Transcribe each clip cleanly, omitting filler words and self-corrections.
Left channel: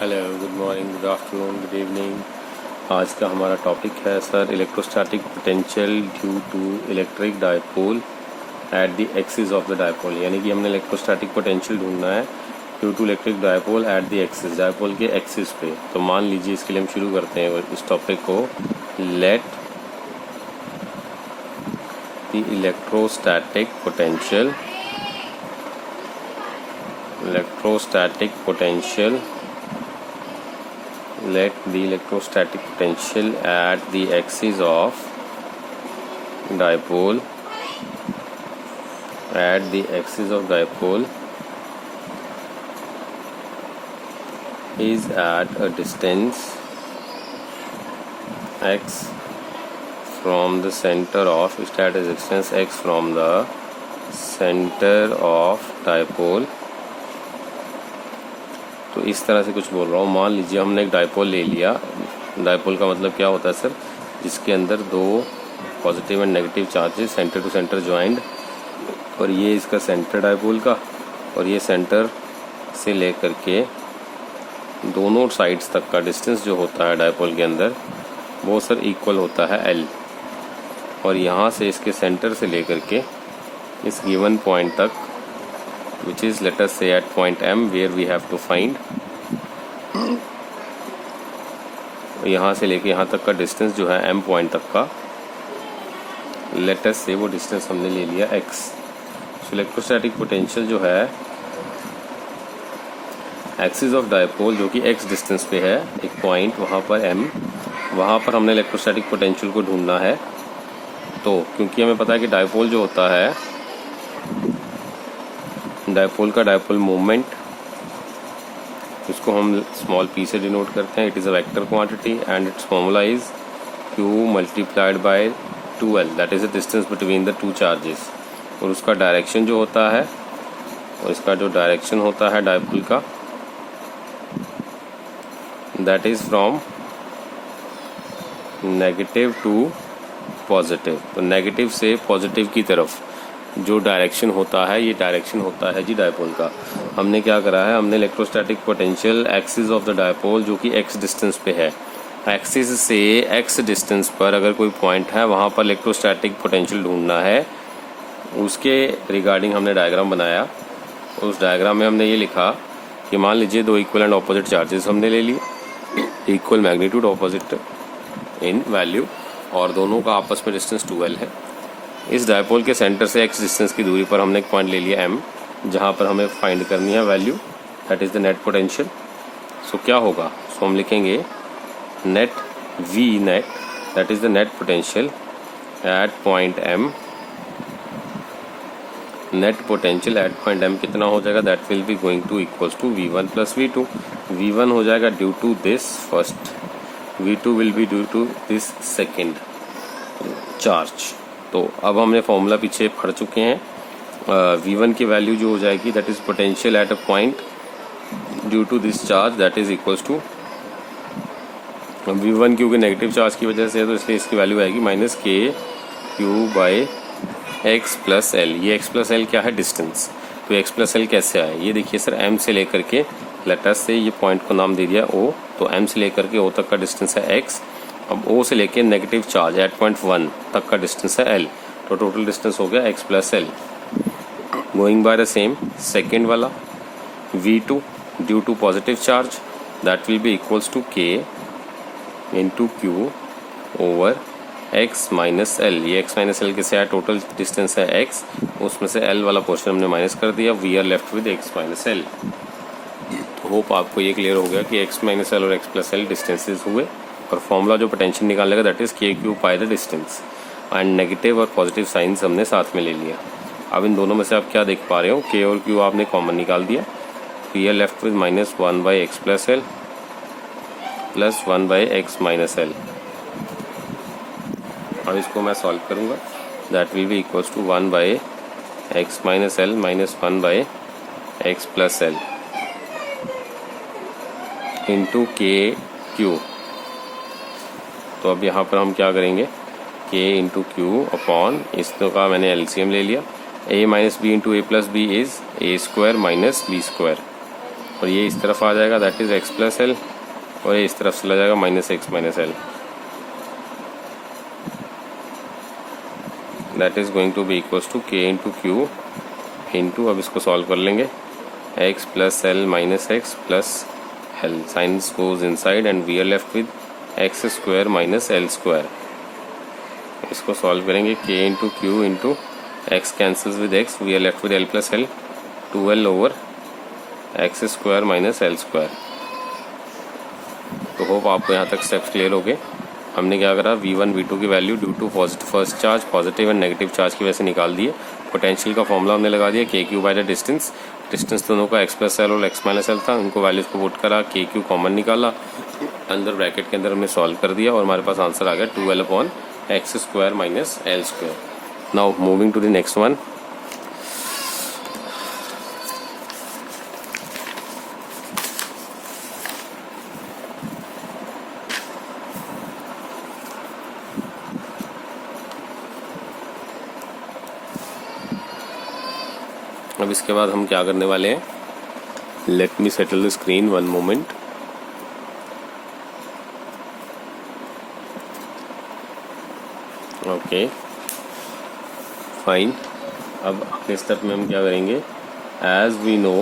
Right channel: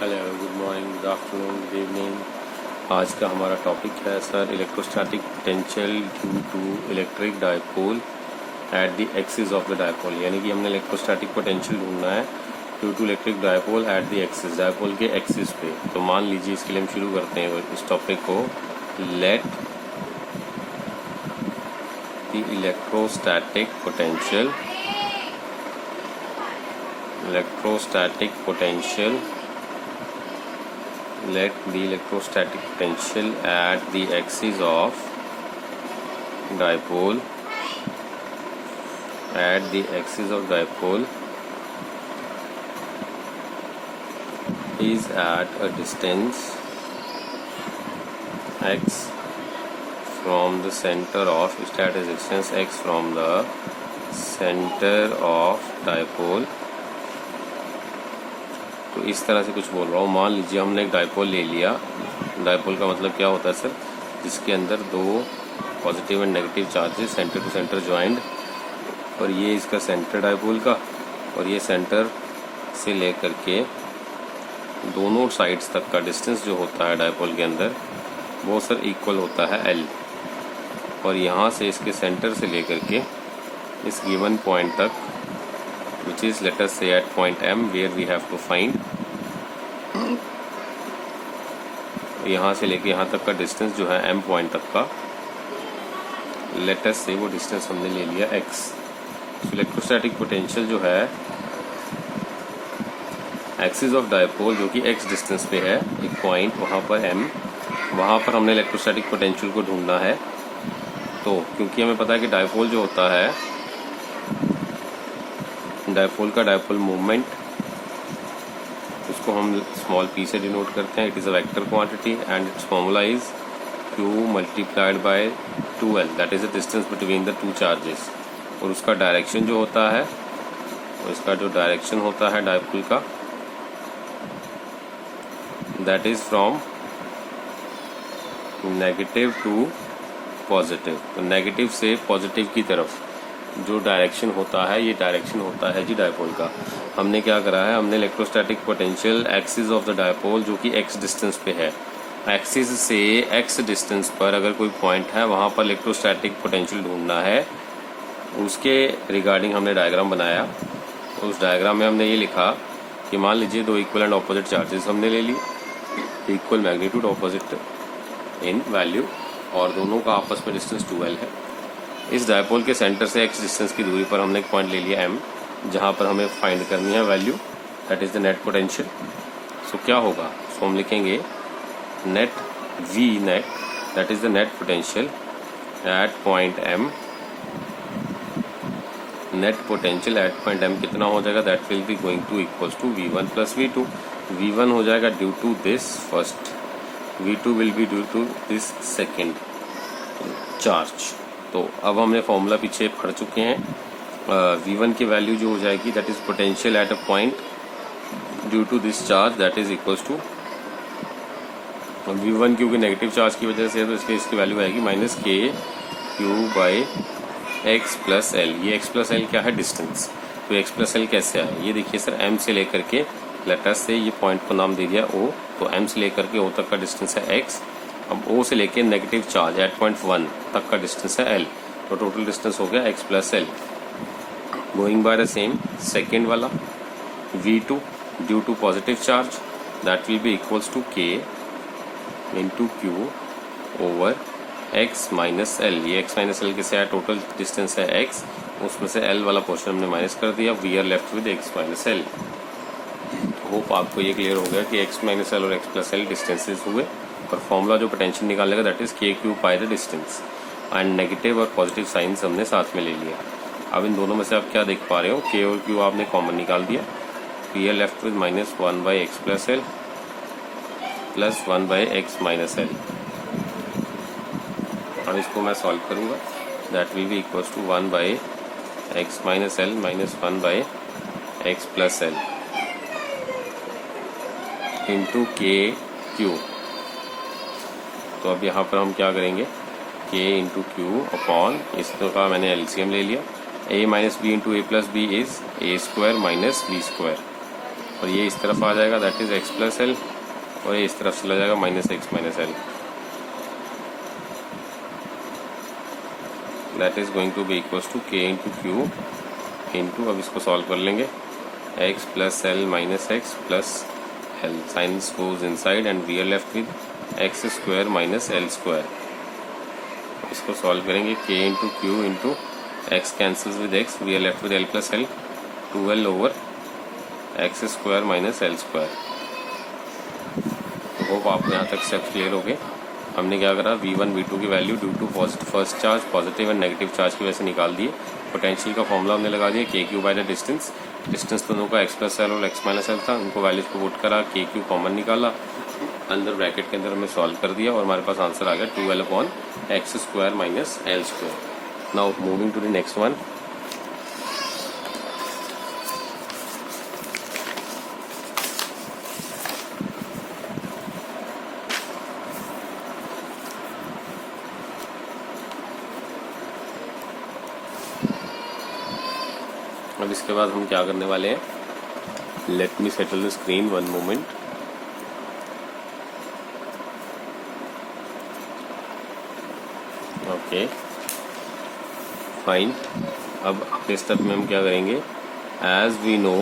Hello, good morning, good afternoon, good evening. आज का हमारा टॉपिक है sir electrostatic potential due to electric dipole at the axis of the dipole. यानी कि हमने इलेक्ट्रोस्टैटिक पोटेंशियल ढूंढना है due to electric dipole at the axis, dipole के एक्सिस पे। तो मान लीजिए इसके लिए हम शुरू करते हैं इस टॉपिक को। Let the electrostatic potential let the electrostatic potential at the axis of dipole is at a distance x from the center of dipole। तो इस तरह से कुछ बोल रहा हूँ। मान लीजिए हमने एक डायपोल ले लिया। डायपोल का मतलब क्या होता है सर? जिसके अंदर दो positive and negative charges center to center joint, और ये इसका सेंटर डायपोल का, और ये सेंटर से लेकर के दोनों साइड्स तक का डिस्टेंस जो होता है डायपोल के अंदर वो सर इक्वल होता है L। और यहाँ से इसके सेंटर से लेकर के इस गिवन पॉइंट तक, which is let us say at point M where we have to find, यहाँ से लेके यहाँ तक का डिस्टेंस जो है M पॉइंट तक का, let us say वो डिस्टेंस हमने ले लिया x। तो इलेक्ट्रोस्टैटिक पोटेंशियल जो है एक्सिस ऑफ डायपोल जो कि x डिस्टेंस पे है, एक पॉइंट वहाँ पर M, वहाँ पर हमने इलेक्ट्रोस्टैटिक पोटेंशियल को ढूंढना है। तो क्योंकि हमें पता है कि डायपोल जो होता है, डायपोल का डायपोल मूवमेंट, उसको हम स्मॉल p से डिनोट करते हैं। It is a vector quantity and it's formula is q multiplied by 2l, that is the distance between the two charges. और उसका डायरेक्शन जो होता है, और इसका जो डायरेक्शन होता है डायपोल का, that is from negative to positive. तो नेगेटिव से पॉजिटिव की तरफ जो डायरेक्शन होता है, ये डायरेक्शन होता है जी डायपोल का। हमने क्या करा है, हमने electrostatic potential axis of the dipole जो कि x डिस्टेंस पे है, एक्सिस से x डिस्टेंस पर अगर कोई पॉइंट है वहाँ पर इलेक्ट्रोस्टैटिक पोटेंशियल ढूंढना है। उसके रिगार्डिंग हमने डायग्राम बनाया। उस डायग्राम में हमने ये लिखा कि मान लीजिए दो इक्वल एंड ऑपोजिट चार्जेस हमने ले लिए, equal magnitude opposite in value, और दोनों का आपस में डिस्टेंस 2l है। इस डायपोल के सेंटर से x डिस्टेंस की दूरी पर हमने एक पॉइंट ले लिया M, जहाँ पर हमें फाइंड करनी है value, that is the net potential. So क्या होगा? सो हम लिखेंगे net V net, that is the net potential at point M। Net potential at point M कितना हो जाएगा? That will be going to equals to V1 plus V2। V1 हो जाएगा due to this first, V2 will be due to this second charge. तो अब हमने formula पीछे पढ़ चुके हैं। V1 की वैल्यू जो हो जाएगी, that is potential at a point due to this charge, that is equals to V1 क्योंकि नेगेटिव चार्ज की वजह से, तो इसलिए इसकी वैल्यू आएगी minus KQ by x plus L. ये x प्लस एल क्या है? डिस्टेंस। तो x प्लस एल कैसे आए? ये देखिए सर, M से लेकर के लेटर से ये पॉइंट को नाम दे दिया O, तो M से लेकर के O तक का डिस्टेंस है x। अब O से लेके नेगेटिव चार्ज एट पॉइंट 1 तक का डिस्टेंस है L, तो टोटल डिस्टेंस हो गया x plus l. Going by the same second वाला V2 due to positive charge, that will be equals to K into Q over x minus l. ये x minus l किसे है? Total distance है x, उसमें से L वाला portion हमने minus कर दिया। We are left with x minus l. Hope आपको ये क्लियर हो गया कि x माइनस एल और x प्लस एल डिस्टेंसेस हुए, और फॉर्मूला जो पोटेंशियल निकालने का that is KQ by the distance, and negative और पॉजिटिव साइंस हमने साथ में ले लिया। अब इन दोनों में से आप क्या देख पा रहे हो? K और Q आपने कॉमन निकाल दिया। We are left with minus 1 by x plus l plus 1 by x minus l. अब इसको मैं सॉल्व करूंगा, that will be equals to 1 by x minus l minus 1 by x plus l into KQ। तो अब यहाँ पर हम क्या करेंगे? K इंटू क्यू अपॉन, इसका मैंने एलसीएम ले लिया, a minus b into a plus b is a square minus b square. और ये इस तरफ आ जाएगा, that is x plus l, और ये इस तरफ चला जाएगा minus x minus l, that is going to be equals to k into q into, अब इसको सॉल्व कर लेंगे, x plus l minus x plus l, signs goes inside and we are left with x square minus l square. इसको solve करेंगे, k into q into x cancels with x, we are left with l plus l, 2l over x square minus l square. तो hope आपको यहाँ तक steps clear हो गए। हमने क्या करा, v1 v2 की value due to first charge positive and negative charge की वजह से निकाल दिए। पोटेंशियल का फॉर्मूला हमने लगा दिया, के Q by the distance, distance दोनों का एक्स प्लस एल और एक्स माइनस एल था, उनको वैल्यूज को पुट करा, के क्यू कॉमन निकाला, अंदर ब्रैकेट के अंदर हमने सॉल्व कर दिया और हमारे पास आंसर आ गया 2l upon x square minus l square. Now moving to the next one. अब इसके बाद हम क्या करने वाले हैं, let me settle the screen one moment. Okay fine. अब अगले स्टेप में हम क्या करेंगे, as we know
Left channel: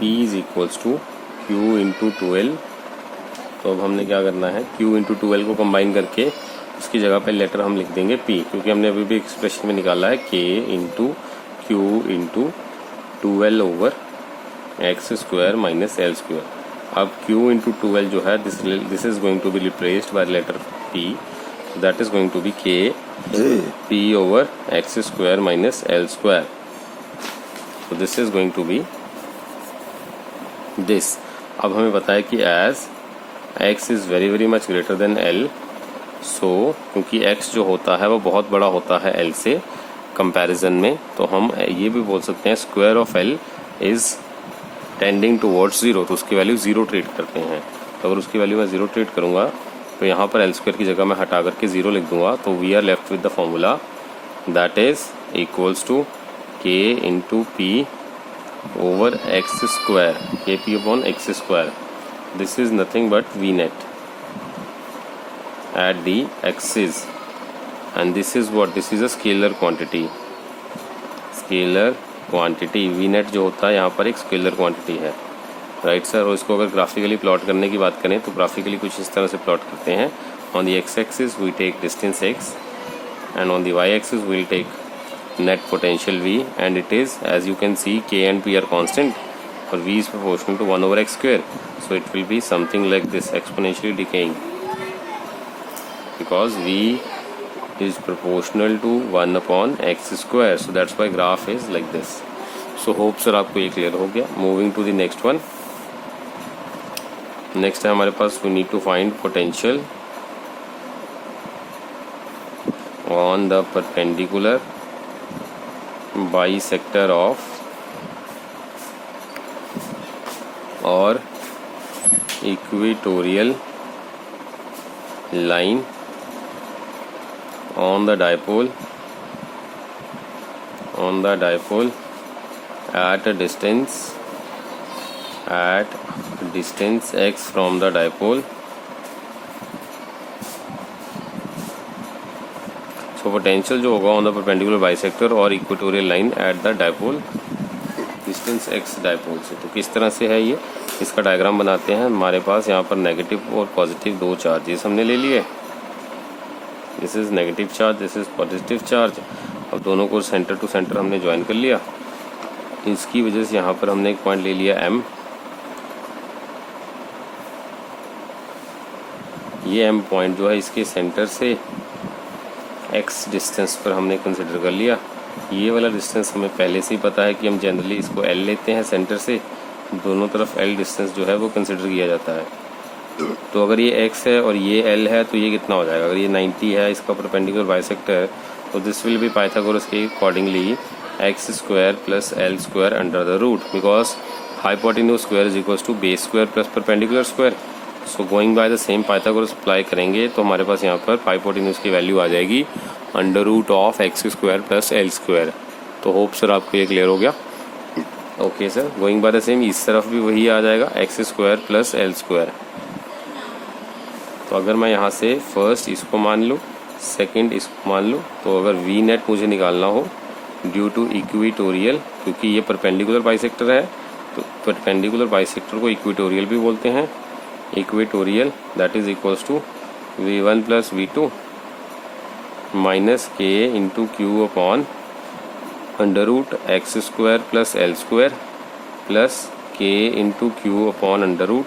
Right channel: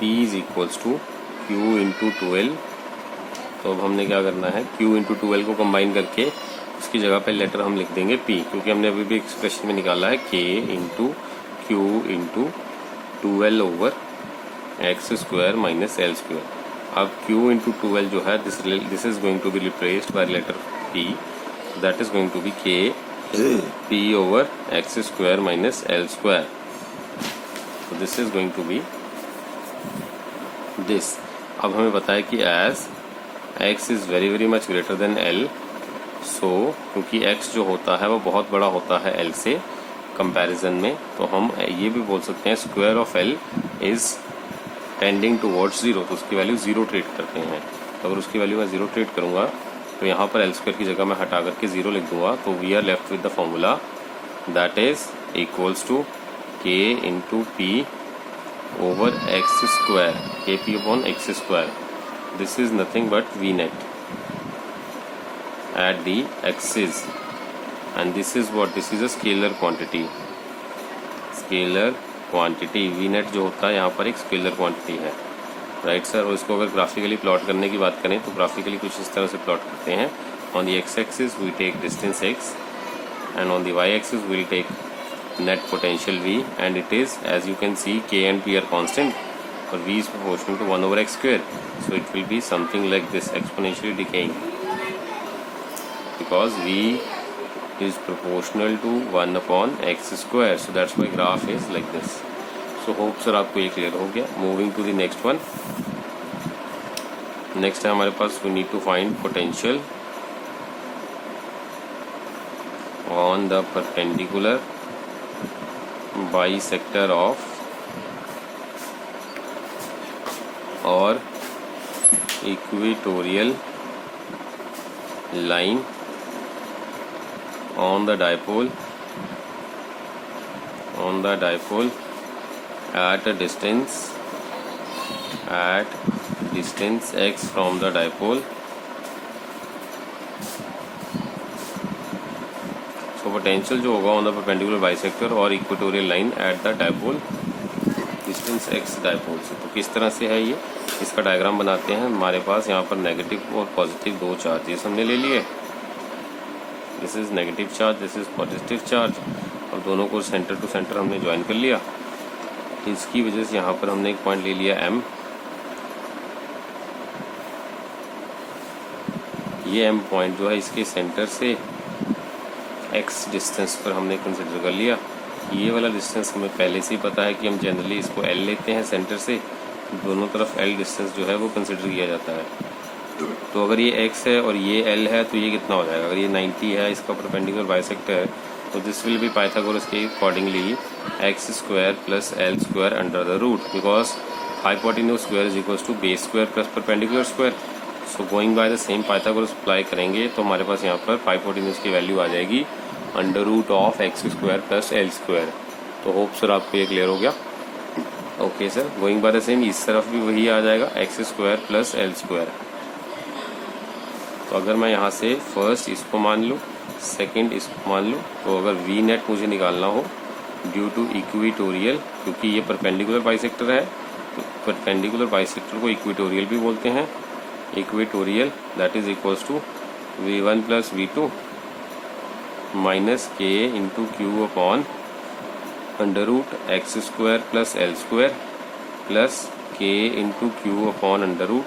P is equals to Q into 2l, तो अब हमने क्या करना है, Q इंटू 2l को कंबाइन करके उसकी जगह पे लेटर हम लिख देंगे P, क्योंकि हमने अभी भी एक्सप्रेशन में निकाला है K into q into 2l over x square minus l square. अब Q इंटू 2l जो है this is going to be replaced by letter P, that is going to be K P over x square minus l square. तो this is going to be this. अब हमें पता है कि as x is very very much greater than l, so क्योंकि x जो होता है वो बहुत बड़ा होता है l से कंपैरिजन में, तो हम ये भी बोल सकते हैं square of l is tending towards 0, तो उसकी वैल्यू 0 ट्रीट करते हैं। तो अगर उसकी वैल्यू मैं 0 ट्रीट करूंगा तो यहाँ पर l स्क्वायर की जगह मैं हटा करके 0 लिख दूंगा, तो we are left with the formula that is equals to k into p over x square, k p upon x square. This is nothing but V net at the axis, and this is what, this is a scalar quantity, v net जो होता है यहाँ पर एक scalar quantity है, right sir. और इसको अगर ग्राफिकली प्लॉट करने की बात करें तो ग्राफिकली कुछ इस तरह से प्लॉट करते हैं, on the x axis we take distance x and on the y axis we will take net potential v, and it is, as you can see, k and p are constant, or v is proportional to 1 over x square, so it will be something like this, exponentially decaying, because v is proportional to 1 upon x square, so that's why graph is like this. So hope sir आपको ये clear हो गया। Moving to the next one. Next है हमारे पास we need to find potential on the perpendicular bisector of or equatorial line on the dipole at distance x from the dipole. So potential जो होगा on the perpendicular bisector और equatorial line at the dipole, distance x dipole से। तो किस तरह से है ये, इसका डायग्राम बनाते हैं। हमारे पास यहाँ पर नेगेटिव और पॉजिटिव दो चार्जेस हमने ले लिए, this is negative charge, this is positive charge, और दोनों को सेंटर टू सेंटर हमने ज्वाइन कर लिया। तो इसकी वजह से यहाँ पर हमने एक पॉइंट ले लिया m, ये m पॉइंट जो है इसके सेंटर से x डिस्टेंस पर हमने कंसिडर कर लिया। ये वाला डिस्टेंस हमें पहले से ही पता है कि हम जनरली इसको l लेते हैं सेंटर से, दोनों तरफ l डिस्टेंस जो है वो कंसिडर किया जाता है। तो अगर ये x है और ये l है तो ये कितना हो जाएगा, अगर ये 90 है इसका परपेंडिकुलर बाइसेक्टर, तो दिस विल बी पाइथागोरस के accordingly x square plus l square under the root, because hypotenuse square is equals to base square plus perpendicular square. So going by the same Pythagoras apply करेंगे तो हमारे पास यहाँ पर hypotenuse की value आ जाएगी under root of x square plus l square. तो hope sir आपको ये क्लियर हो गया। Okay sir, going by the same इस तरफ भी वही आ जाएगा x square plus l square. तो अगर मैं यहाँ से फर्स्ट इसको मान लूँ, सेकंड इसको मान लूँ, तो अगर वी नेट मुझे निकालना हो ड्यू टू इक्विटोरियल, क्योंकि ये परपेंडिकुलर बाइसेक्टर है तो परपेंडिकुलर बाइसेक्टर को इक्विटोरियल भी बोलते हैं। Equatorial that is equals to V1 plus V2 minus k into q upon under root x square plus l square plus k into q upon under root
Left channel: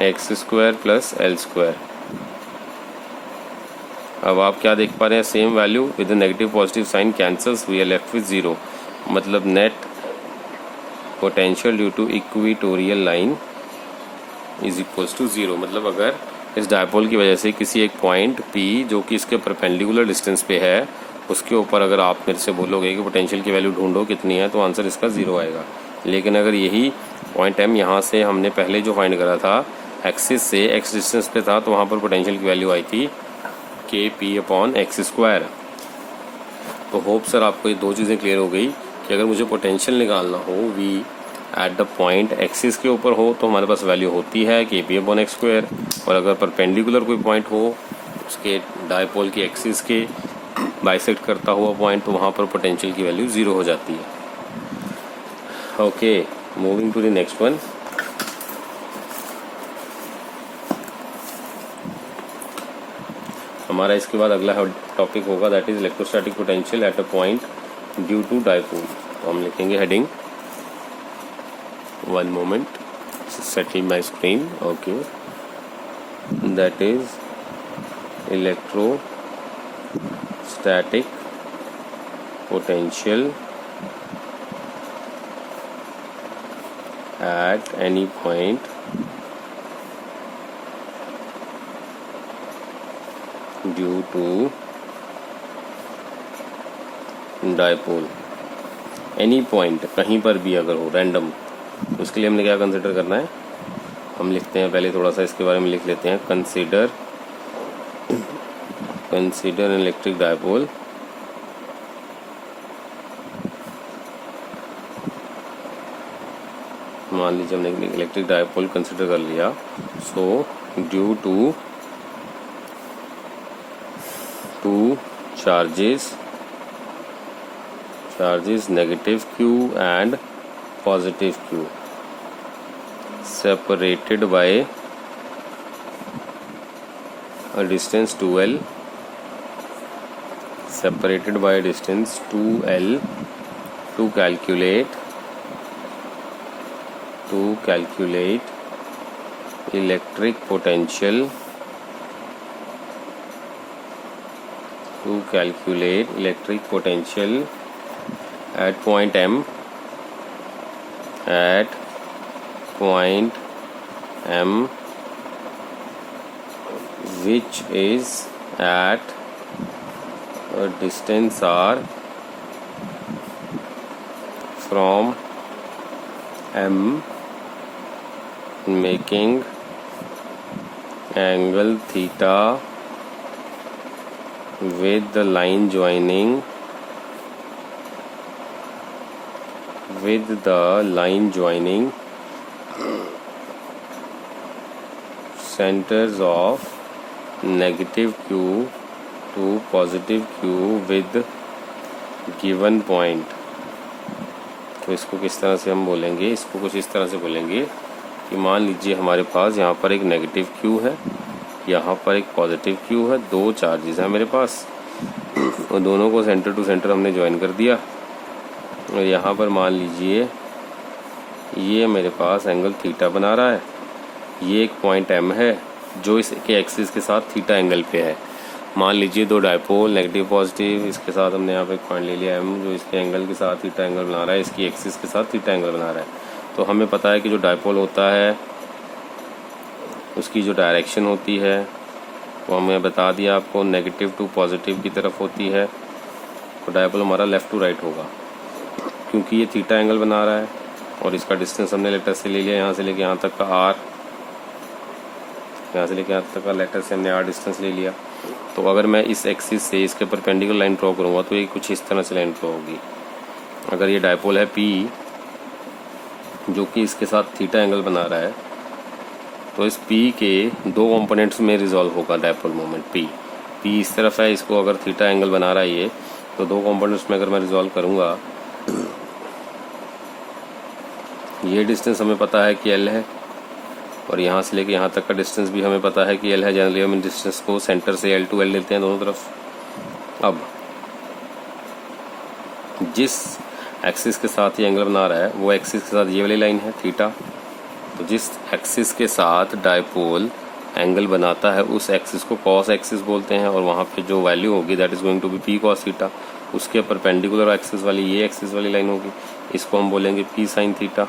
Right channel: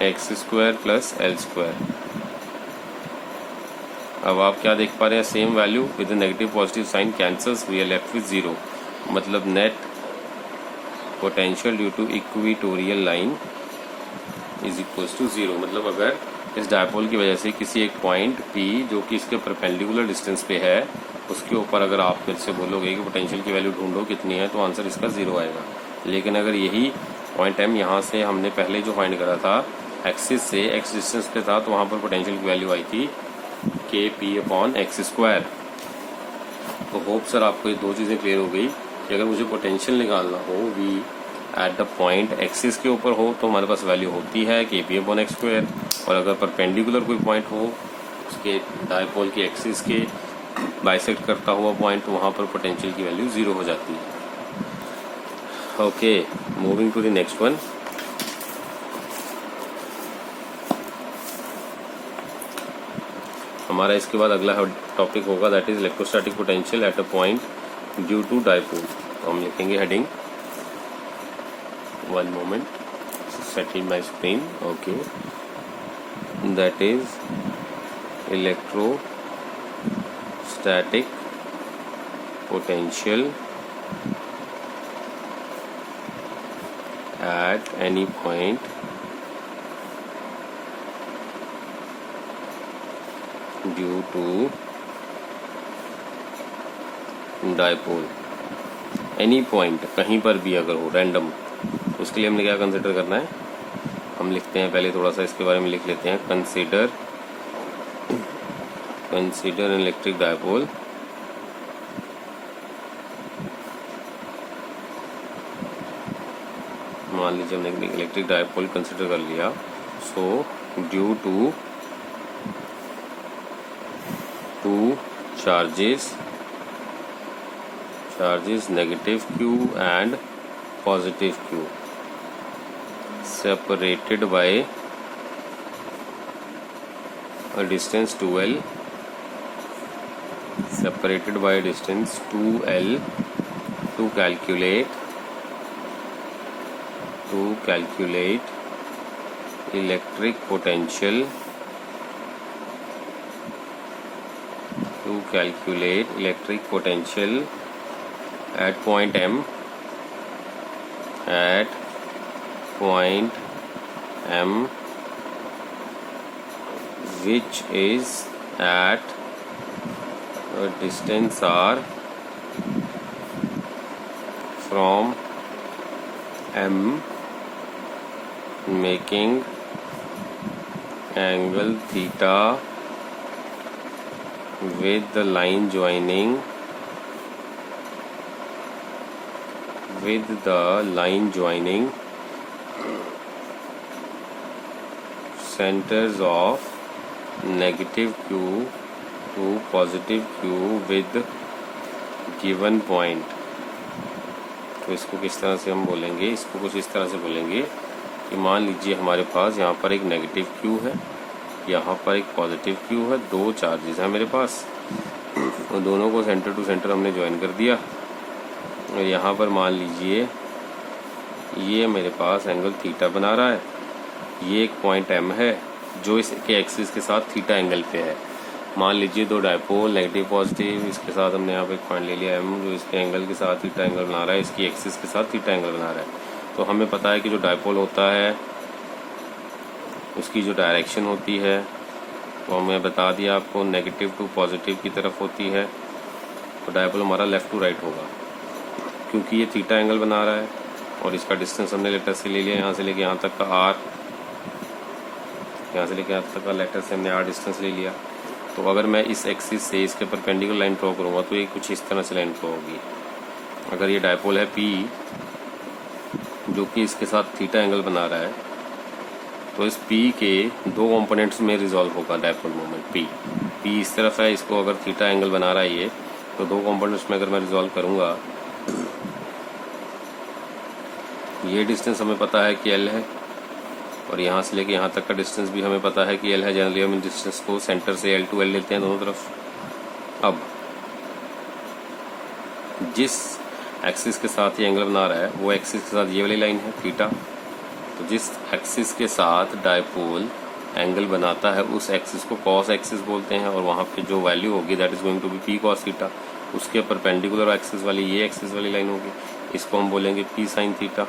x square plus l square. अब आप क्या देख पा रहे हैं, same value with negative positive sign cancels, we are left with zero. मतलब net potential due to equatorial line is equals to zero. मतलब अगर इस डायपोल की वजह से किसी एक पॉइंट P जो कि इसके परपेंडिकुलर डिस्टेंस पे है उसके ऊपर अगर आप मेरे से बोलोगे कि पोटेंशियल की वैल्यू ढूंढो कितनी है, तो आंसर इसका जीरो आएगा। लेकिन अगर यही पॉइंट M यहाँ से हमने पहले जो फाइंड करा था एक्सिस से एक्स डिस्टेंस पे था, तो वहाँ पर पोटेंशियल की वैल्यू आई थी के पी अपॉन एक्स स्क्वायर। तो होप सर आपको ये दो चीज़ें क्लियर हो गई कि अगर मुझे पोटेंशियल निकालना हो V at the point axis के ऊपर हो तो हमारे पास वैल्यू होती है के पी अपॉन एक्स स्क्वायर, और अगर परपेंडिकुलर कोई पॉइंट हो उसके डायपोल की एक्सिस के बाइसेक्ट करता हुआ पॉइंट, तो वहाँ पर पोटेंशियल की वैल्यू जीरो हो जाती है। Okay, moving to the next one. हमारा इसके बाद अगला टॉपिक होगा that is electrostatic potential at a point due to dipole. तो हम लिखेंगे heading, one moment, settle my screen. Okay, that is electrostatic potential at any point due to dipole। Any point, कहीं पर भी अगर हो, रैंडम, उसके लिए हमने क्या कंसिडर करना है, हम लिखते हैं पहले थोड़ा सा इसके बारे में लिख लेते हैं। कंसीडर एन इलेक्ट्रिक डायपोल मान लीजिए हमने इलेक्ट्रिक डायपोल कंसिडर कर लिया। So due to two charges negative Q and positive Q separated by a distance 2L to calculate electric potential at point M which is at a distance R from M, making angle theta with the line joining centers of negative Q to positive Q with given point। तो इसको किस तरह से हम बोलेंगे, इसको कुछ इस तरह से बोलेंगे कि मान लीजिए हमारे पास यहाँ पर एक नेगेटिव Q है, यहाँ पर एक पॉजिटिव Q है, दो चार्जेस हैं मेरे पास, और दोनों को सेंटर टू सेंटर हमने ज्वाइन कर दिया। और यहाँ पर मान लीजिए ये मेरे पास एंगल थीटा बना रहा है, ये एक पॉइंट M है जो इसके एक्सिस के साथ थीटा एंगल पे है। मान लीजिए दो डायपोल नेगेटिव पॉजिटिव, इसके साथ हमने यहाँ पे एक पॉइंट ले लिया M जो इसके एंगल के साथ थीटा एंगल बना रहा है, इसकी एक्सिस के साथ थीटा एंगल बना रहा है। तो हमें पता है कि जो डायपोल होता है उसकी जो डायरेक्शन होती है वो हमें बता दिया आपको, नेगेटिव टू पॉजिटिव की तरफ होती है। तो डायपोल हमारा लेफ्ट टू राइट होगा, क्योंकि ये थीटा एंगल बना रहा है और इसका डिस्टेंस हमने लेटर से ले लिया, यहाँ से लेके यहाँ तक का R, यहाँ से लेके यहाँ तक का लेटर से हमने R डिस्टेंस ले लिया। तो अगर मैं इस एक्सिस से इसके परपेंडिकुलर लाइन ड्रॉ करूँगा तो ये कुछ इस तरह से लाइन ड्रॉ होगी। अगर ये डायपोल है P जो कि इसके साथ थीटा एंगल बना रहा है, तो इस P के दो कंपोनेंट्स में रिजॉल्व होगा डायपोल मोमेंट P इस तरफ है, इसको अगर थीटा एंगल बना रहा है ये, तो दो कंपोनेंट्स में अगर मैं रिजॉल्व करूँगा, ये डिस्टेंस हमें पता है कि L है और यहाँ से लेके यहाँ तक का डिस्टेंस भी हमें पता है कि L है। जनरली हम इन डिस्टेंस को सेंटर से L टू L लेते हैं दोनों तरफ। अब जिस एक्सिस के साथ ये एंगल बना रहा है वो एक्सिस के साथ ये वाली लाइन है थीटा, तो जिस एक्सिस के साथ डायपोल एंगल बनाता है उस एक्सिस को कॉस एक्सिस बोलते हैं, और वहाँ पे जो वैल्यू होगी that is going to be P cos theta. उसके परपेंडिकुलर एक्सिस वाली ये एक्सिस वाली लाइन होगी, इसको हम बोलेंगे P sin थीटा।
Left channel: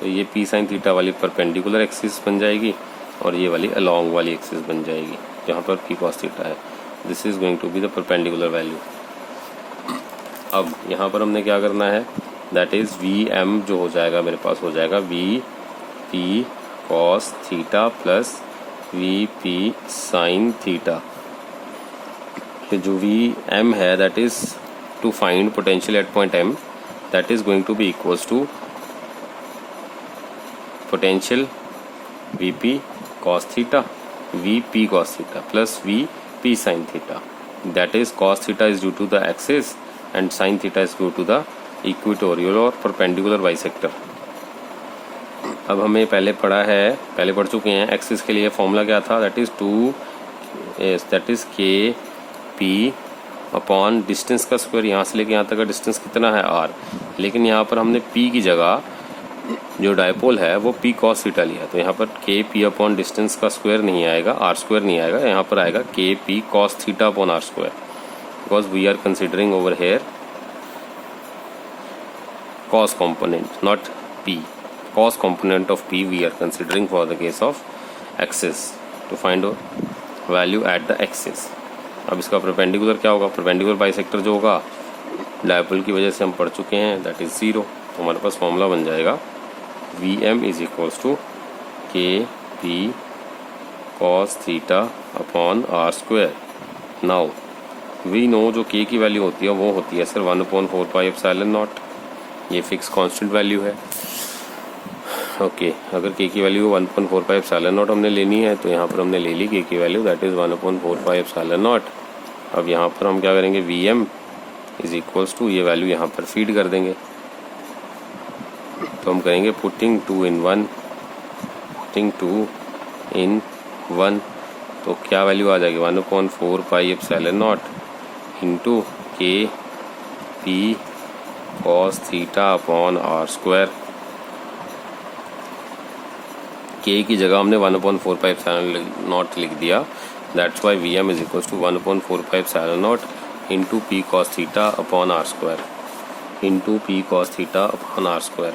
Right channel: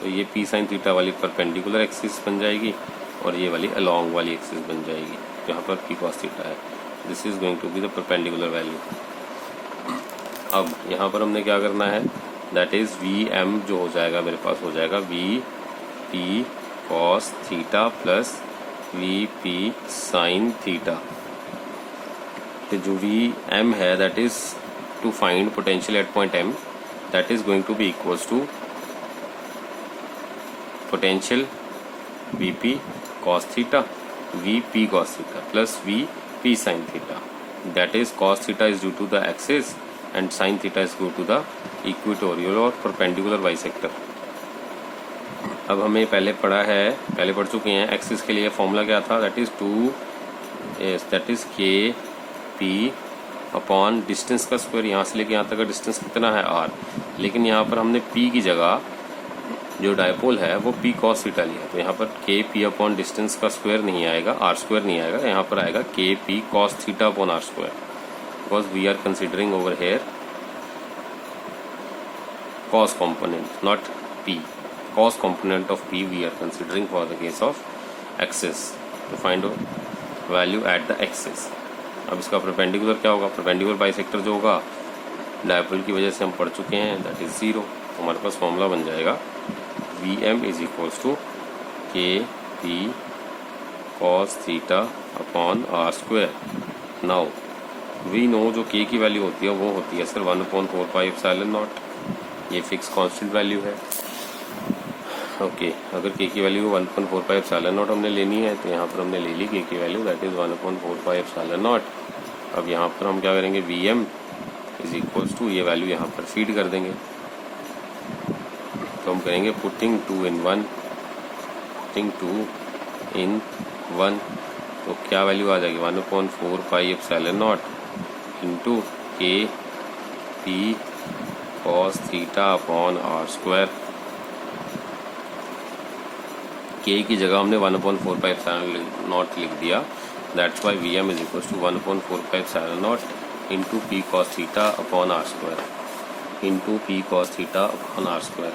तो ये P sin थीटा वाली परपेंडिकुलर एक्सिस बन जाएगी और ये वाली अलोंग वाली एक्सिस बन जाएगी जहाँ पर P cos थीटा है। This is going to be the perpendicular value. अब यहाँ पर हमने क्या करना है, दैट इज VM जो हो जाएगा मेरे पास हो जाएगा VP cos theta plus VP sin theta. तो जो VM है that is to find potential at point M, that is going to be equals to potential VP cos theta VP cos theta plus VP sin theta. That is cos theta is due to the axis and sin theta is due to the equatorial और perpendicular bisector। अब हमें पहले पढ़ चुके हैं axis के लिए formula क्या था, दैट इज के पी अपॉन डिस्टेंस का स्क्वायर। यहाँ से लेके यहाँ तक का डिस्टेंस कितना है R, लेकिन यहाँ पर हमने P की जगह जो डायपोल है वो P cos थीटा लिया, तो यहाँ पर के पी अपॉन डिस्टेंस का स्क्वायर नहीं आएगा, R स्क्वायर नहीं आएगा, यहाँ पर आएगा के p cos theta upon R square, because we are considering over here cos component, not P. Cos component of P we are considering for the case of axis to find value at the axis। अब इसका perpendicular क्या होगा, perpendicular bisector जो होगा dipole की वजह से हम पढ़ चुके हैं दैट इज 0। तो हमारे पास फॉर्मूला बन जाएगा VM is equals to k p cos theta upon R square. Now we know जो k की वैल्यू होती है वो होती है सर 1/4 पाई एप्सिलॉन नॉट, ये फिक्स कांस्टेंट वैल्यू है। ओके अगर k की वैल्यू 1/4 पाई एप्सिलॉन नॉट हमने लेनी है तो यहाँ पर हमने ले ली k की value that is 1/4 pi epsilon naught. अब यहाँ पर हम क्या करेंगे, VM इज इक्वल्स टू ये वैल्यू यहाँ पर फीड कर देंगे, तो हम करेंगे पुटिंग 2 in 1, तो क्या वैल्यू आ जाएगी 1/4 पाई एप्सिलॉन नॉट इंटू के p cos theta upon R square. के की जगह हमने 1/4 पाई एप्सिलॉन नॉट लिख दिया, that's why VM is equal to 1/4 pi epsilon naught into P cos theta upon R square into P cos theta upon R square.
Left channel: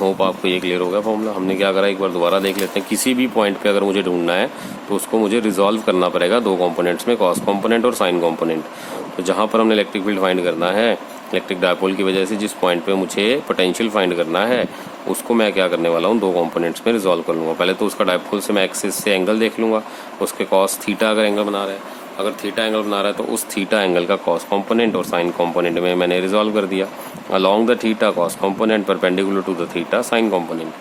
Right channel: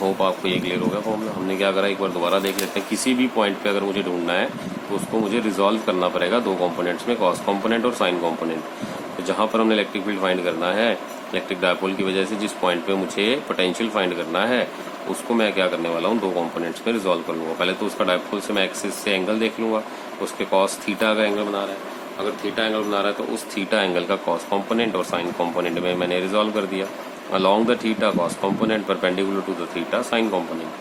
Hope आपको ये clear होगा formula. हमने क्या करा एक बार दोबारा देख लेते हैं। किसी भी पॉइंट पे अगर मुझे ढूंढना है तो उसको मुझे रिजॉल्व करना पड़ेगा दो कंपोनेंट्स में, कॉस कंपोनेंट और साइन कंपोनेंट। तो जहां पर हमने इलेक्ट्रिक फील्ड फाइंड करना है, इलेक्ट्रिक डायपोल की वजह से जिस पॉइंट पे मुझे पोटेंशियल फाइंड करना है उसको मैं क्या करने वाला हूँ, दो कंपोनेंट्स में रिजॉल्व कर लूँगा। पहले तो उसका डायपोल से मैं एक्सिस से एंगल देख लूँगा, उसके कॉस थीटा अगर एंगल बना रहा है, अगर थीटा एंगल बना रहा है तो उस थीटा एंगल का कॉस कंपोनेंट और साइन कंपोनेंट में मैंने रिजॉल्व कर दिया। along the theta cos component perpendicular to the theta sin component,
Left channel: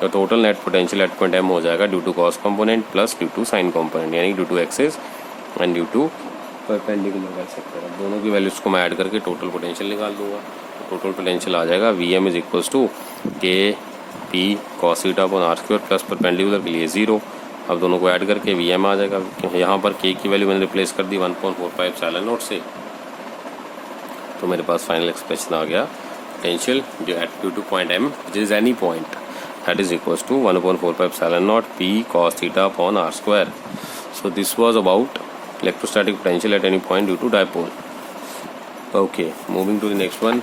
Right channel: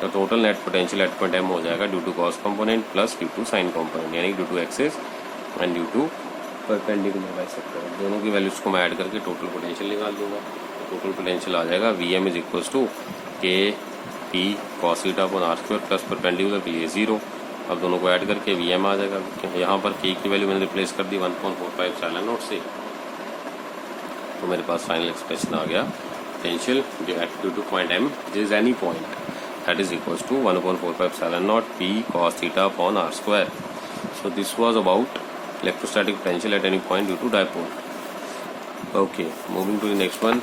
तो total net potential at point M हो जाएगा due to cos component plus due to sin component, यानी due to axis and due to perpendicular bisector. दोनों की values को मैं add करके total potential निकाल दूंगा। टोटल पोटेंशियल आ जाएगा VM is equals to k p cos theta upon R square plus perpendicular के लिए 0। अब दोनों को ऐड करके VM आ जाएगा। यहाँ पर k की वैल्यू मैंने रिप्लेस कर दी 1/4 एप्सिलॉन नॉट से, तो मेरे पास फाइनल एक्सप्रेशन आ गया potential due to point M which is any point that is equals to 1/4 epsilon naught P cos theta upon R square. So this was about electrostatic potential at any point due to dipole. Okay, moving to the next one.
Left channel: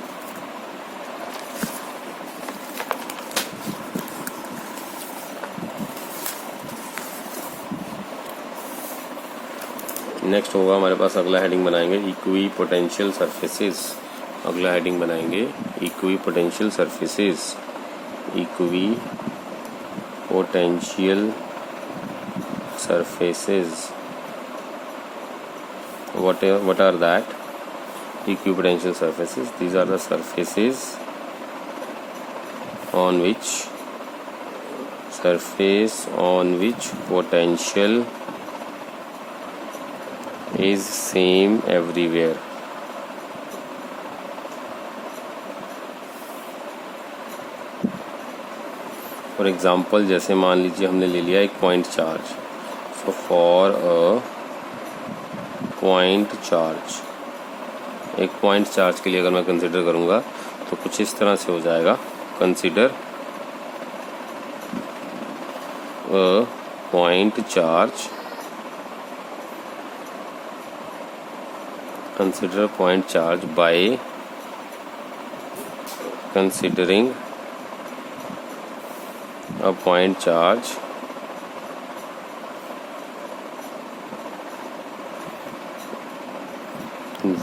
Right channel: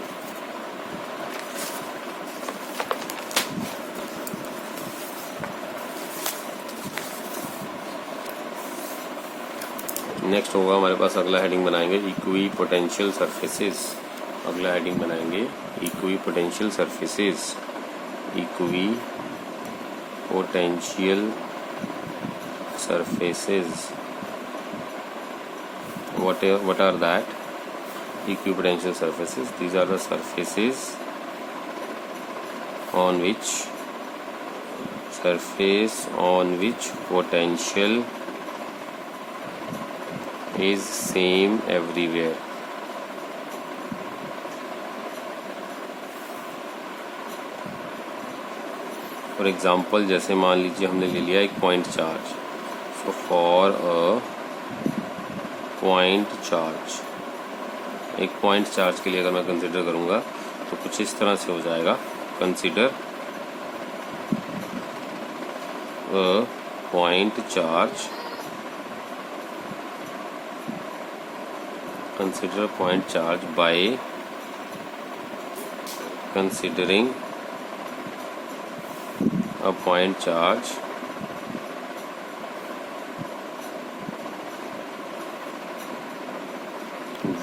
Next होगा हमारे पास अगला heading बनाएंगे equi potential surfaces. अगला heading बनाएंगे equi potential surfaces. Equi potential surfaces, what are that? equipotential surfaces. These are the surfaces on which potential is same everywhere. For example जैसे मान लीजिए हमने ले लिया एक point charge. So for a point charge, एक point charge के लिए अगर मैं कंसिडर करूँगा तो कुछ इस तरह से हो जाएगा. Consider a point charge, consider a point charge by considering a point charge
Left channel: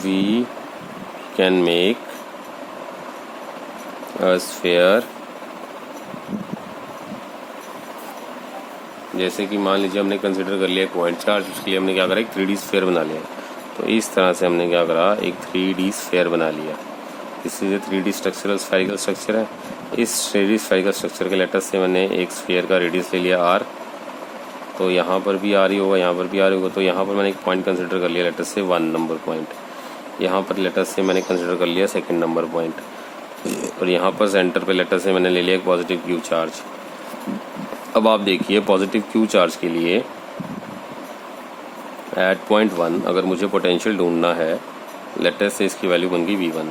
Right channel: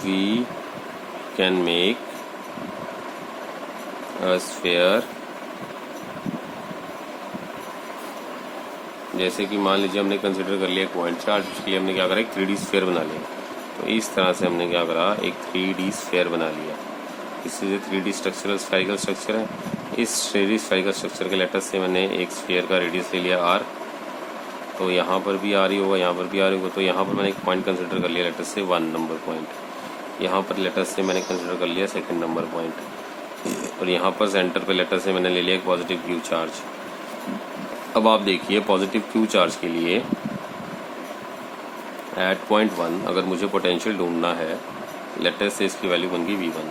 we can make a sphere. जैसे कि मान लीजिए हमने कंसिडर कर लिया एक पॉइंट चार्ज, उसके लिए हमने क्या करा, एक 3D स्फीयर बना लिया. तो इस तरह से हमने क्या करा, एक 3D स्फीयर बना लिया. इससे जो 3D स्ट्रक्चर स्फेरिकल स्ट्रक्चर है, इस 3D स्फेरिकल स्ट्रक्चर के लेटर से मैंने एक स्फीयर का रेडियस ले लिया r. तो यहाँ पर भी r ही होगा, यहाँ पर भी r होगा. तो यहाँ पर मैंने एक पॉइंट कंसिडर कर लिया लेटर से 1 नंबर पॉइंट. यहाँ पर लेटर से मैंने कंसिडर कर लिया 2nd नंबर पॉइंट. और यहाँ पर सेंटर पे लेटर से मैंने ले लिया एक पॉजिटिव क्यू चार्ज. अब आप देखिए पॉजिटिव क्यू चार्ज के लिए एट पॉइंट 1 अगर मुझे पोटेंशियल ढूंढना है, लेटर से इसकी वैल्यू बन गई V1.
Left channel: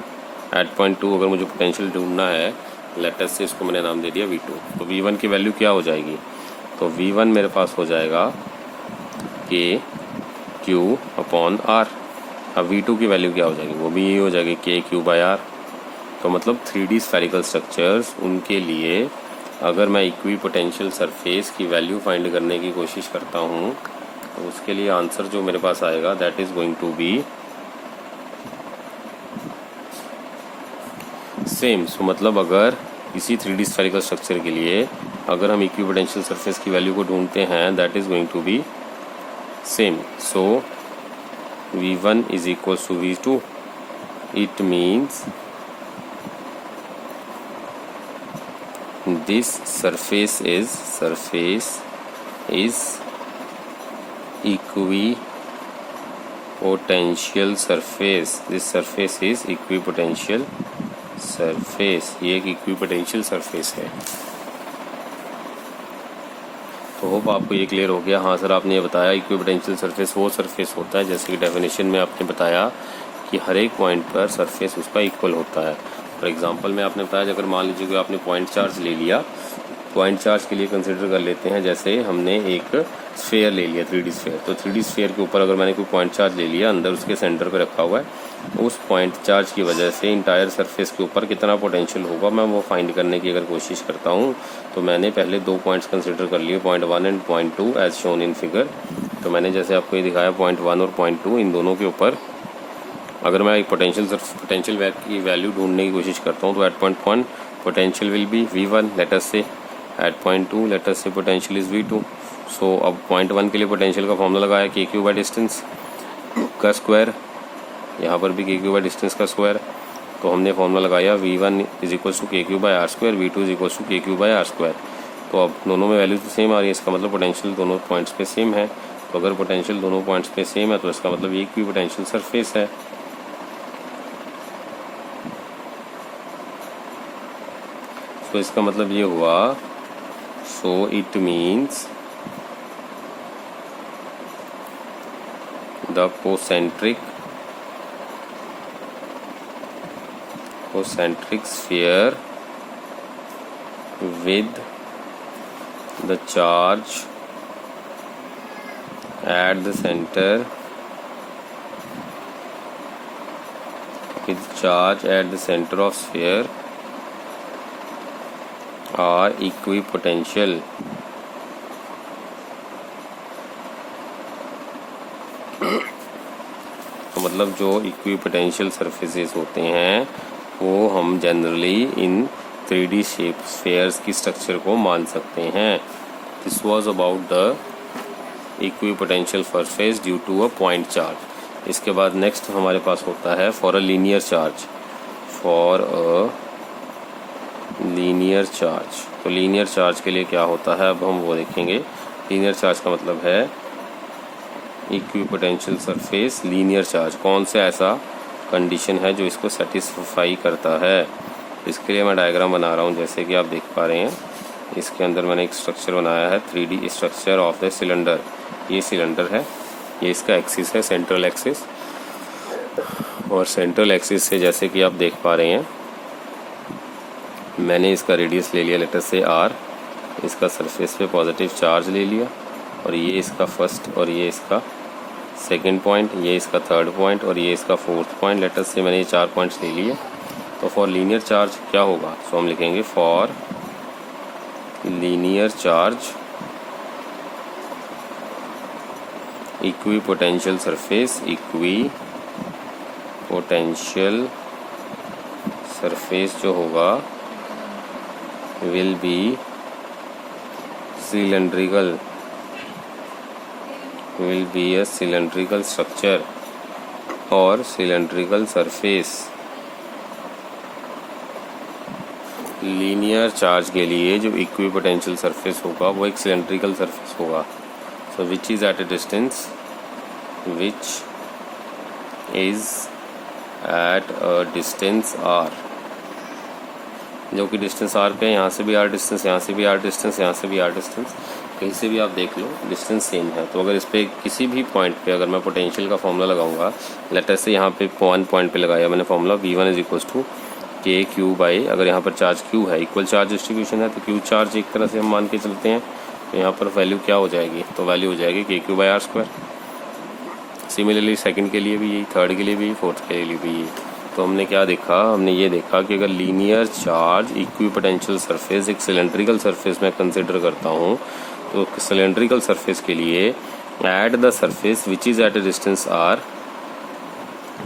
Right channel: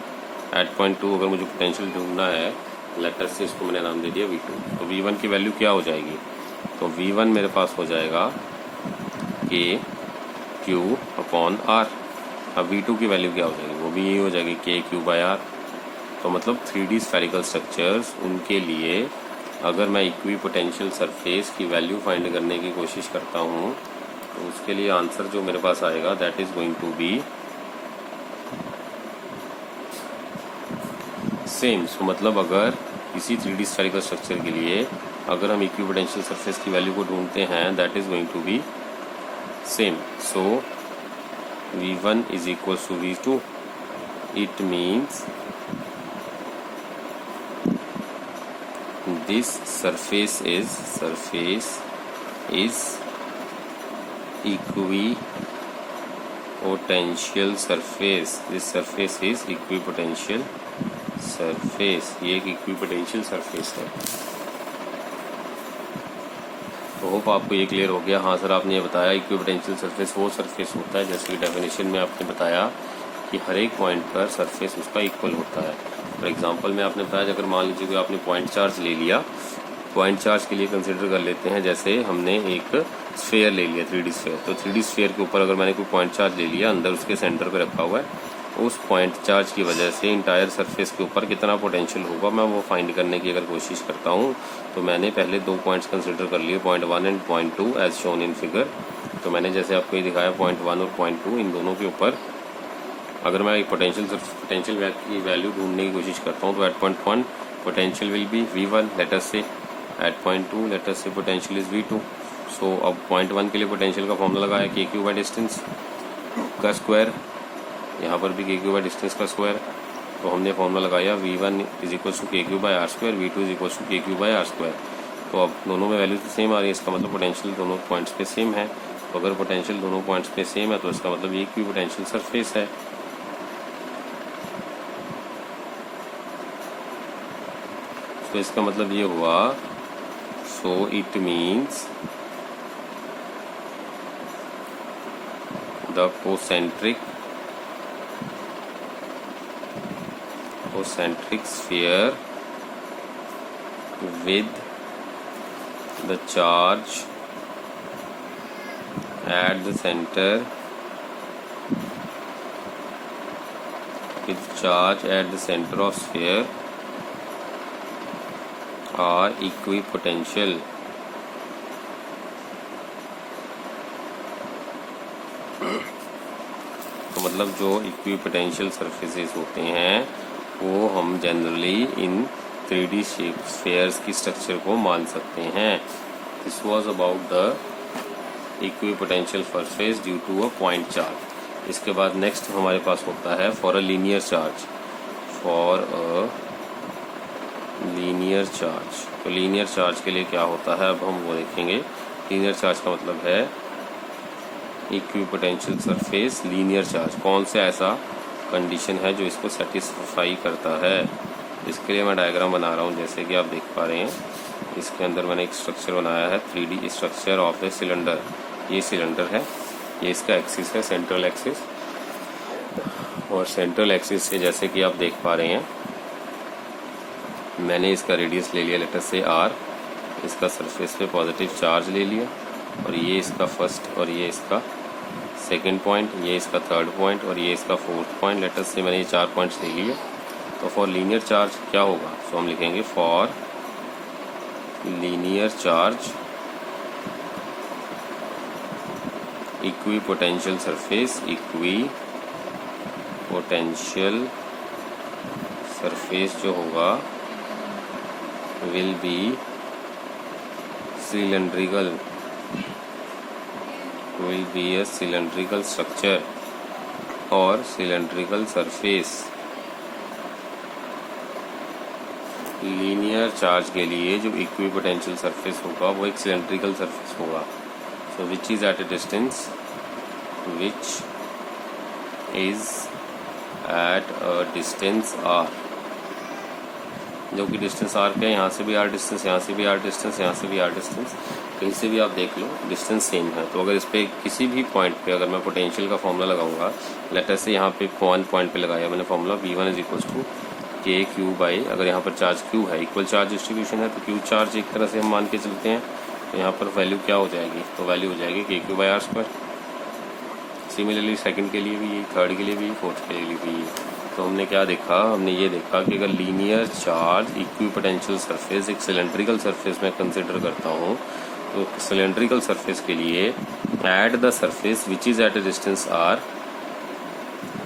एट पॉइंट 2 अगर मुझे पोटेंशियल ढूंढना है, लेटर से इसको मैंने नाम दे दिया V2. तो V1 की वैल्यू क्या हो जाएगी, तो V1 मेरे पास हो जाएगा KQ/R. अब V2 की वैल्यू क्या हो जाएगी, वो भी यही हो जाएगी KQ/R. तो मतलब 3D स्फेरिकल स्ट्रक्चर्स, उनके लिए अगर मैं इक्विपोटेंशियल सरफेस की वैल्यू फाइंड करने की कोशिश करता हूँ तो उसके लिए आंसर जो मेरे पास आएगा that is going to be same. So मतलब अगर इसी 3D स्फेरिकल स्ट्रक्चर के लिए अगर हम इक्विपोटेंशियल सरफेस की वैल्यू को ढूंढते हैं that is going to be same. So V1 is equal to V2. It means this surface is equipotential surface. This surface is equipotential surface. ये एक equipotential surface है. तो होप आपको ये क्लियर हो गया. हाँ सर, आपने ये बताया इक्विपोटेंशियल सरफेस वो सरफेस होता है जैसे कि डेफिनेशन में आपने बताया कि हर एक पॉइंट पर सरफेस उसका इक्वल होता है. फॉर एग्जांपल में आपने बताया अगर मान लीजिए कि आपने पॉइंट चार्ज ले लिया, पॉइंट चार्ज के लिए कंसिडर कर लेते हैं जैसे हमने एक स्फीयर ले लिया 3D स्फीयर. तो 3D स्फीयर के ऊपर अगर मैंने कोई पॉइंट चार्ज ले लिया, अंदर उसके सेंटर पे रखा हुआ है, उस पॉइंट चार्ज की वजह से इंटायर सरफेस के ऊपर कितना पोटेंशियल होगा मैं वो फाइंड करने की अगर कोशिश करता हूँ तो मैंने पहले 2 पॉइंट्स कंसिडर कर लिए, point 1 and point 2 as shown in figure. तो मैंने जैसे आपको ये दिखाया पॉइंट 1 और पॉइंट 2, इन दोनों के ऊपर अगर मैं एक पोटेंशियल की वैल्यू ढूंढने की कोशिश करता हूँ तो at point 1 potential will be V1 letter से, एट पॉइंट 2 लेटर से पोटेंशियल इज V2. सो अब पॉइंट 1 के लिए पोटेंशियल का फॉर्मूला लगाया KQ बाय डिस्टेंस का स्क्वायर, यहाँ पर भी KQ बाय डिस्टेंस का स्क्वायर. तो हमने फॉर्मूला लगाया V1 is equal to KQ by R square, V2 is equal to KQ by R square. तो अब दोनों में वैल्यू तो सेम आ रही है, इसका मतलब पोटेंशियल दोनों पॉइंट्स पे सेम है. तो अगर पोटेंशियल दोनों पॉइंट्स पे सेम है तो इसका मतलब ये इक्विपोटेंशियल सरफेस है. तो इसका मतलब ये हुआ, so it means the concentric sphere with the charge at the center of sphere are equipotential. तो मतलब जो इक्विपोटेंशियल सरफेसेस होते हैं वो हम generally in 3D shape spheres की स्ट्रक्चर को मान सकते हैं. This was about the equipotential surface due to a point charge. इसके बाद नेक्स्ट हमारे पास होता है for a linear charge, for a linear charge. तो लीनियर चार्ज के लिए क्या होता है अब हम वो देखेंगे। लीनियर चार्ज का मतलब है इक्विपोटेंशियल सरफेस लीनियर चार्ज। कौन सा ऐसा कंडीशन है जो इसको सेटिस्फाई करता है। इसके लिए मैं डायग्राम बना रहा हूँ, जैसे कि आप देख पा रहे हैं। इसके अंदर मैंने एक स्ट्रक्चर बनाया है, 3D structure of a cylinder. ये सिलेंडर है, ये इसका एक्सिस है, सेंट्रल एक्सिस। और सेंट्रल एक्सिस से जैसे कि आप देख पा रहे हैं, मैंने इसका रेडियस ले लिया लेटर से r, इसका सरफेस पे पॉजिटिव चार्ज ले लिया, और ये इसका फर्स्ट और ये इसका सेकंड पॉइंट, ये इसका थर्ड पॉइंट और ये इसका फोर्थ पॉइंट। लेटर से मैंने ये 4 पॉइंट्स ले लिए। तो फॉर लीनियर चार्ज क्या होगा, तो हम लिखेंगे for linear charge equi potential surface, equi potential surface जो होगा will be cylindrical, will be a cylindrical structure or cylindrical surface। Linear charge के लिए जो इक्विपोटेंशियल सरफेस होगा वो एक सिलेंड्रिकल सरफेस होगा। So which is at a distance, which is at a distance r, जो कि डिस्टेंस r पे, यहाँ से भी r डिस्टेंस, यहाँ से भी r डिस्टेंस, यहाँ से भी r डिस्टेंस, कहीं से भी आप देख लो डिस्टेंस सेम है। तो अगर इस पे किसी भी पॉइंट पे अगर मैं पोटेंशियल का फॉर्मूला लगाऊंगा, लेटर से यहाँ पे 1 पॉइंट पे लगाया मैंने formula V1 is equal to k q by, अगर यहाँ पर चार्ज Q है, इक्वल चार्ज डिस्ट्रीब्यूशन है, तो Q चार्ज एक तरह से हम मान के चलते हैं। तो यहाँ पर वैल्यू क्या हो जाएगी, तो वैल्यू हो जाएगी k q by r square. Similarly second के लिए भी यही, थर्ड के लिए भी, फोर्थ के लिए भी यही। तो हमने क्या देखा, हमने ये देखा कि अगर लीनियर चार्ज इक्विपोटेंशियल सरफेस एक सिलेंड्रिकल सरफेस में कंसिडर करता हूँ, तो सिलेंड्रिकल सरफेस के लिए at the surface which is at a distance r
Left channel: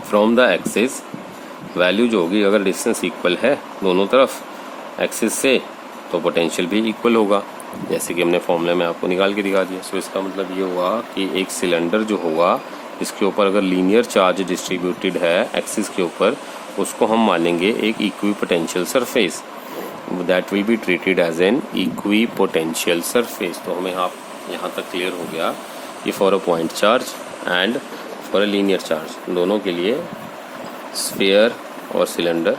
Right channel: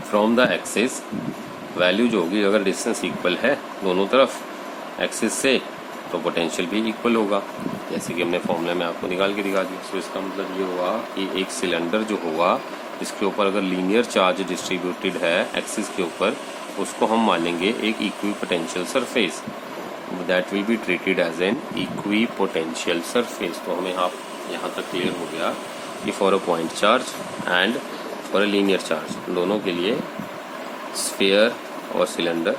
from the axis, value जो होगी अगर डिस्टेंस इक्वल है दोनों तरफ एक्सिस से, तो पोटेंशियल भी इक्वल होगा, जैसे कि हमने फॉर्मूला में आपको निकाल के दिखा दिया। सो इसका मतलब ये हुआ कि एक सिलेंडर जो होगा जिसके ऊपर अगर लीनियर चार्ज डिस्ट्रीब्यूटेड है एक्सिस के ऊपर, उसको हम मानेंगे एक equipotential surface, that will be treated as an equipotential surface. तो हमें यहाँ तक क्लियर हो गया कि for a point charge and for a linear charge, दोनों के लिए स्फीयर और सिलेंडर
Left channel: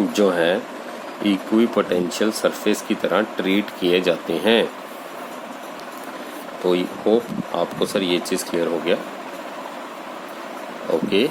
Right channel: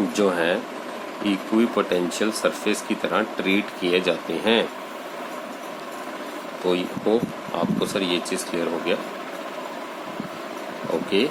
जो है इक्विपोटेंशियल सरफेस की तरह ट्रीट किए जाते हैं। तो होप आपको सर ये चीज़ क्लियर हो गया। ओके।